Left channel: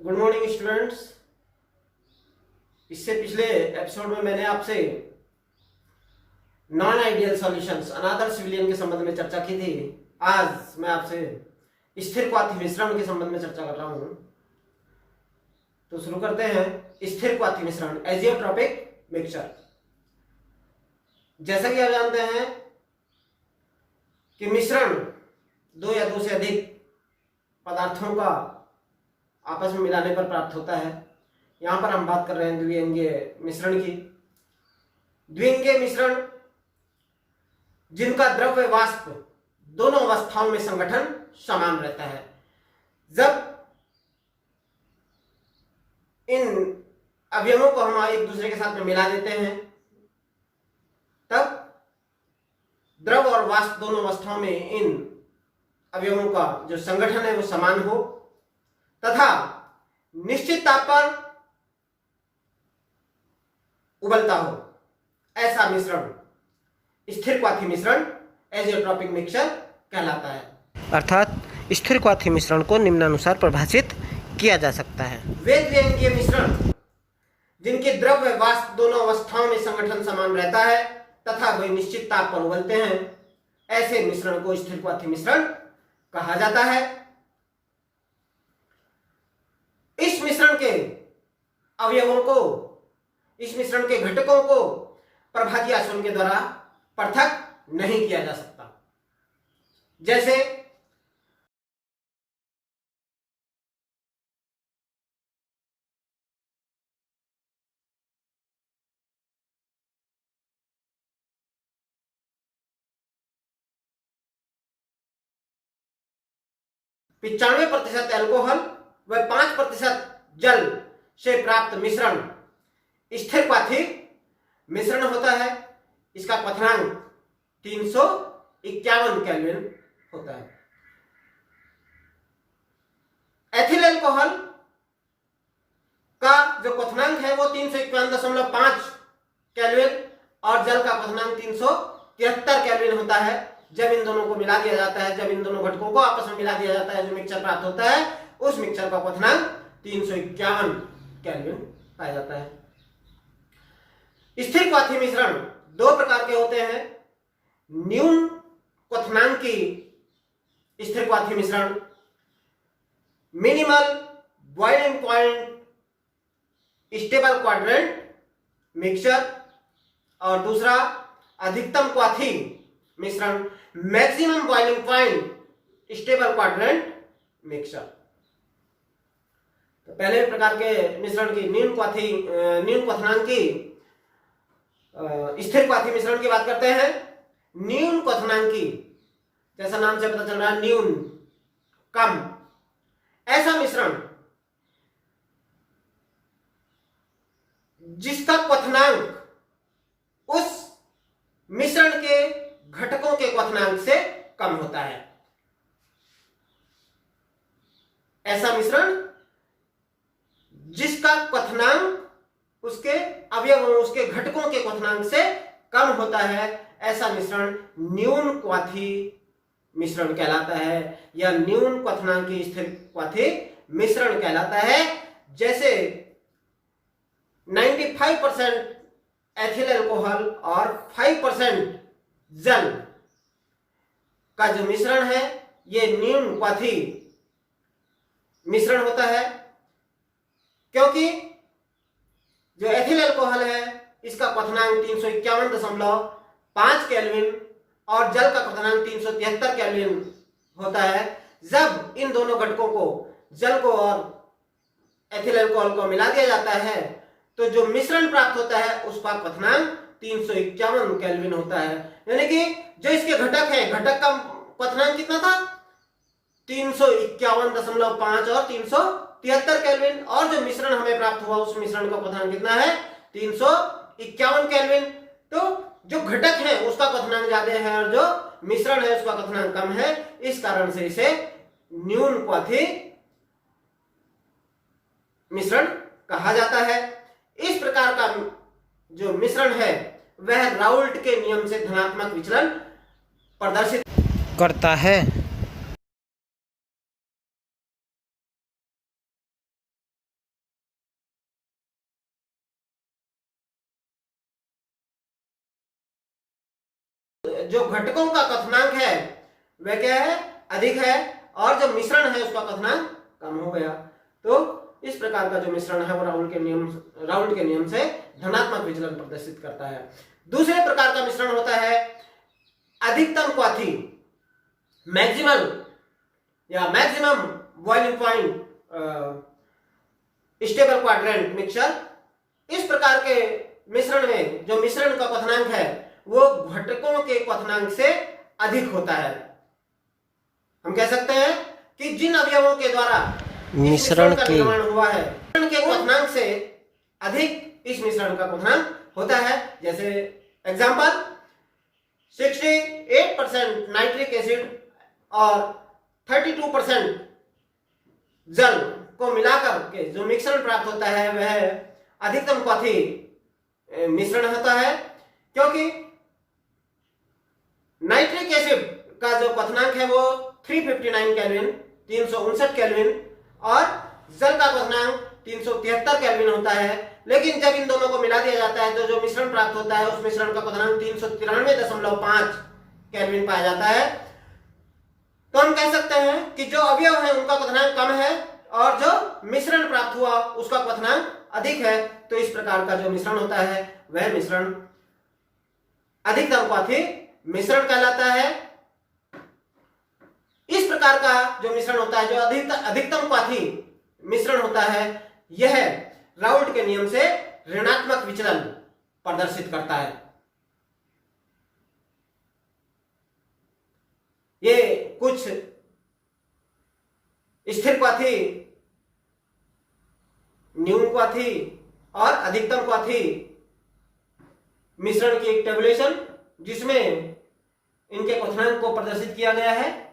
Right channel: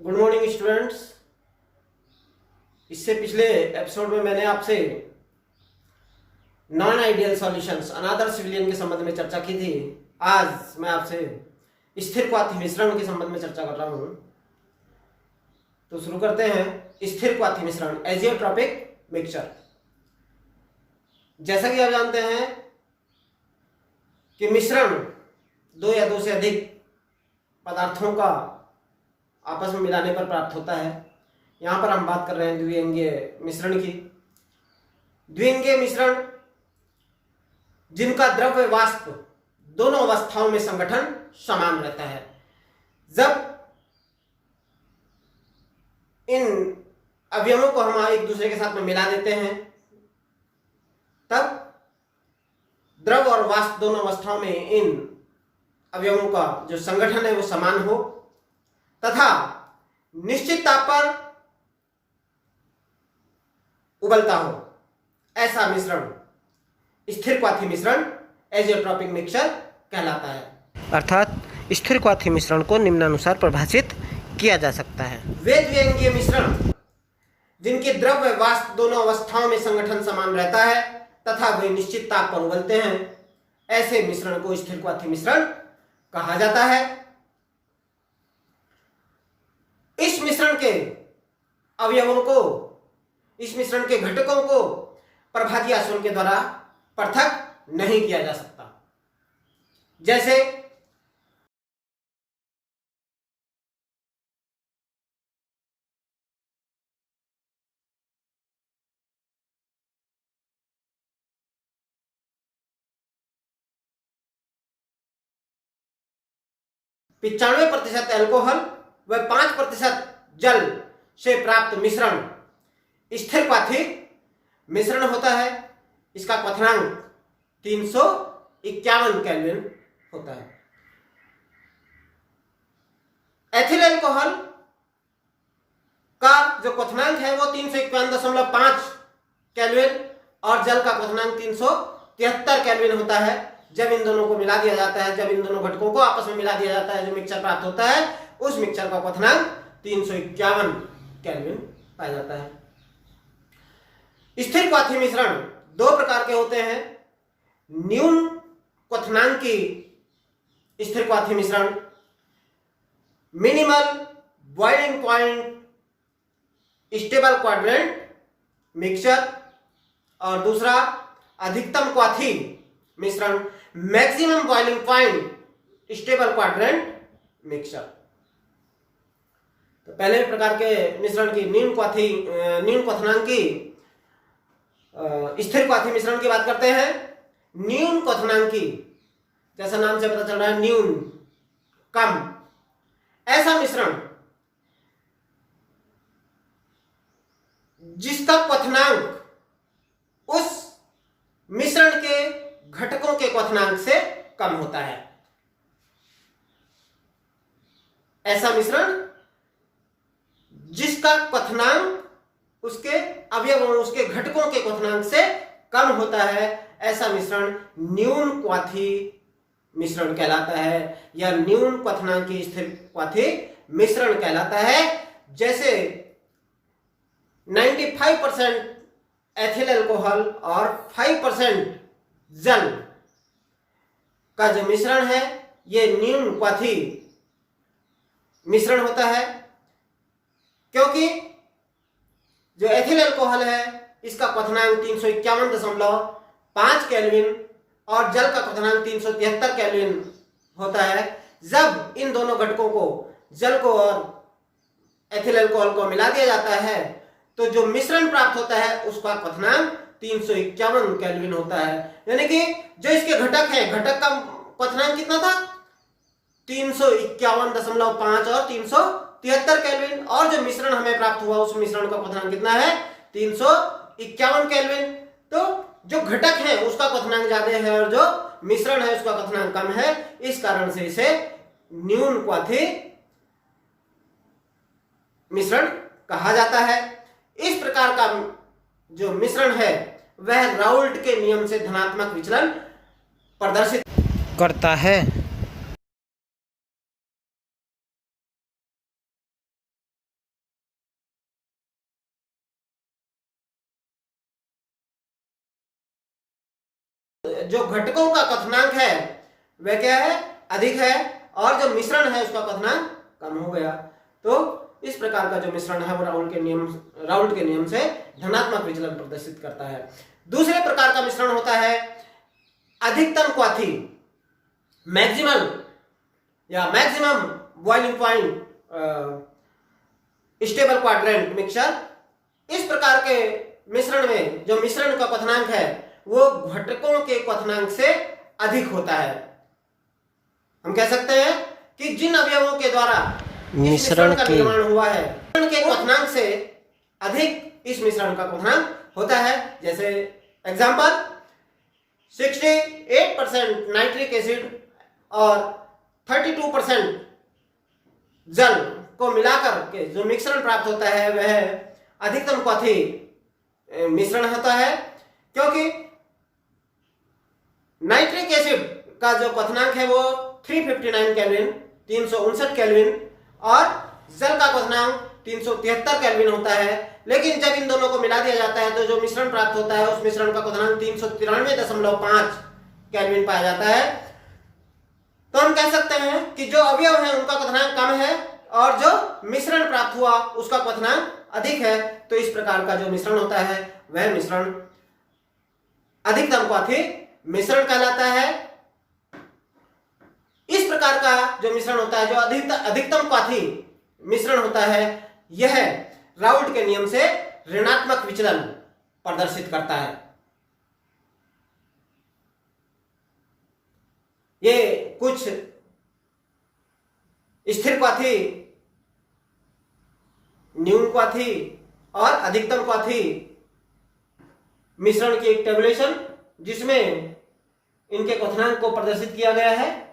Good morning students. इससे पिछले episode में मैंने आपसे नॉन आइडियल सॉल्यूशंस अनादर्श विलयन के संबंध में चर्चा की थी। आज मैं आपसे स्थिर क्वाथी मिश्रण के संबंध में चर्चा कर रहा हूं। तो शुरू करते हैं। स्थिर क्वाथी मिश्रण एजियोट्रॉपिक मिक्सचर। जैसा कि आप जानते हैं कि मिश्रण दो या दो से अधिक पदार्थों का आपस में मिलाने पर प्राप्त होता है। यहां पर हम बात कर रहे हैं द्विअंगीय मिश्रण की। द्विअंगीय मिश्रण जिनका द्रव्य वाष्प दोनों अवस्थाओं में संगठन समान रहता है। जब इन अवयवों को हम एक दूसरे के साथ में मिला देते हैं तब द्रव और वाष्प दोनों अवस्थाओं में इन अवयवों का जो संगठन है वो समान हो तथा निश्चित ताप पर उबलता हो, ऐसा मिश्रण स्थिर क्वाथी मिश्रण एजियोट्रॉपिक मिक्सचर कहलाता है। अर्थात स्थिर क्वाथी मिश्रण को निम्नानुसार परिभाषित किया जा सकता है। वे द्विअंगीय मिश्रण जिनके द्रव्य वाष्प दोनों अवस्थाओं में संगठन समान रहता है तथा वे निश्चित ताप पर उबलते हैं, ऐसे मिश्रण को स्थिर क्वाथी मिश्रण कहा जाता है। इस मिश्रण के अवयवों को, इस मिश्रण के घटकों को प्रभाती आचरण के द्वारा पृथक नहीं किया जा सकता। जैसे पिचानवे प्रतिशत एल्कोहल व 5% जल से प्राप्त मिश्रण स्थिर क्वाथी मिश्रण होता है। इसका क्वथनांक 351 केल्विन होता है। एथिल एल्कोहल का जो क्वथनांक है वो 351.5 केल्विन और जल का क्वथनांक 373 केल्विन होता है। जब इन दोनों को मिला दिया जाता है, जब इन दोनों घटकों को आपस में मिला दिया जाता है, जो मिक्सचर प्राप्त होता है उस मिक्सचर का क्वथनांक 351 केल्विन पाया जाता है। स्थिर क्वाथी मिश्रण दो प्रकार के होते हैं। न्यून क्वथनांकी स्थिर क्वाथी मिश्रण, minimal boiling point stable quadrant mixture, और दूसरा अधिकतम क्वाथी मिश्रण maximum boiling point stable quadrant mixture. तो पहले प्रकार के मिश्रण की न्यून क्वथनांकी स्थिर क्वाथी मिश्रण की बात करते हैं। न्यून क्वथनांकी, जैसा नाम से पता चल रहा है, न्यून कम, ऐसा मिश्रण जिसका क्वथनांक उस मिश्रण के घटकों के क्वथनांक से कम होता है। ऐसा मिश्रण जिसका क्वथनांक उसके अवयवों, उसके घटकों के क्वथनांक से कम होता है, ऐसा मिश्रण न्यून क्वाथी मिश्रण कहलाता है या न्यून क्वथनांकी स्थिर क्वाथी मिश्रण कहलाता है। जैसे 95% एथिल अल्कोहल और 5% जल का जो मिश्रण है ये न्यून क्वाथी मिश्रण होता है, क्योंकि जो एथिल अल्कोहल है इसका क्वथनांक 351.5 केल्विन और जल का क्वथनांक 373 केल्विन होता है। जब इन दोनों घटकों को, जल को और एथिल अल्कोहल को मिला दिया जाता है तो जो मिश्रण प्राप्त होता है उसका क्वथनांक 351 केल्विन होता है। यानी कि जो इसके घटक हैं, घटक का क्वथनांक कितना था? 351.5 और 373 केल्विन, और जो मिश्रण हमें प्राप्त हुआ उस मिश्रण का क्वथनांक कितना है? 351 केल्विन। तो जो घटक है उसका क्वथनांक ज्यादा है और जो मिश्रण है उसका क्वथनांक कम है, इस कारण से इसे न्यून क्वाथी मिश्रण कहा जाता है। इस प्रकार का जो मिश्रण है वह राउल्ट के नियम से धनात्मक विचलन प्रदर्शित करता है। जो घटकों का क्वथनांक है वह क्या है, अधिक है, और जो मिश्रण है उसका क्वथनांक कम हो गया। तो इस प्रकार का जो मिश्रण है वो राउल्ट के नियम से धनात्मक विचलन प्रदर्शित करता है। दूसरे प्रकार का मिश्रण होता है अधिकतम क्वाथी, मैक्सिमम या maximum boiling point stable quadrant mixture. इस प्रकार के मिश्रण में जो मिश्रण का क्वथनांक है वो घटकों के क्वथनांक से अधिक होता है। हम कह सकते हैं कि जिन अवयवों के द्वारा मिश्रण का निर्माण हुआ है उनके क्वथनांक से अधिक इस मिश्रण का क्वथनांक होता है। जैसे एग्जांपल 68% नाइट्रिक एसिड और 32% जल को मिलाकर के जो मिश्रण प्राप्त होता है वह अधिकतम क्वाथी मिश्रण होता है, क्योंकि नाइट्रिक एसिड का जो क्वथनांक है वो 359 केल्विन 359 केल्विन और जल का क्वथनांक 373 केल्विन होता है। लेकिन जब इन दोनों को मिला दिया जाता है तो जो मिश्रण प्राप्त होता है उस मिश्रण का क्वथनांक 393.5 केल्विन पाया जाता है। तो हम कह सकते हैं कि जो अवयव है उनका क्वथनांक कम है और जो मिश्रण प्राप्त हुआ उसका क्वथनांक अधिक है। तो इस प्रकार का जो मिश्रण होता है वह मिश्रण अधिकतम क्वाथी मिश्रण कहलाता है। इस प्रकार का जो मिश्रण होता है, जो अधिकतम क्वाथी मिश्रण होता है, यह राउल्ट के नियम से ऋणात्मक विचलन प्रदर्शित करता है। ये कुछ स्थिर क्वाथी, न्यून क्वाथी और अधिकतम क्वाथी मिश्रण की एक टेबुलेशन जिसमें इनके क्वथनांक को प्रदर्शित किया गया है।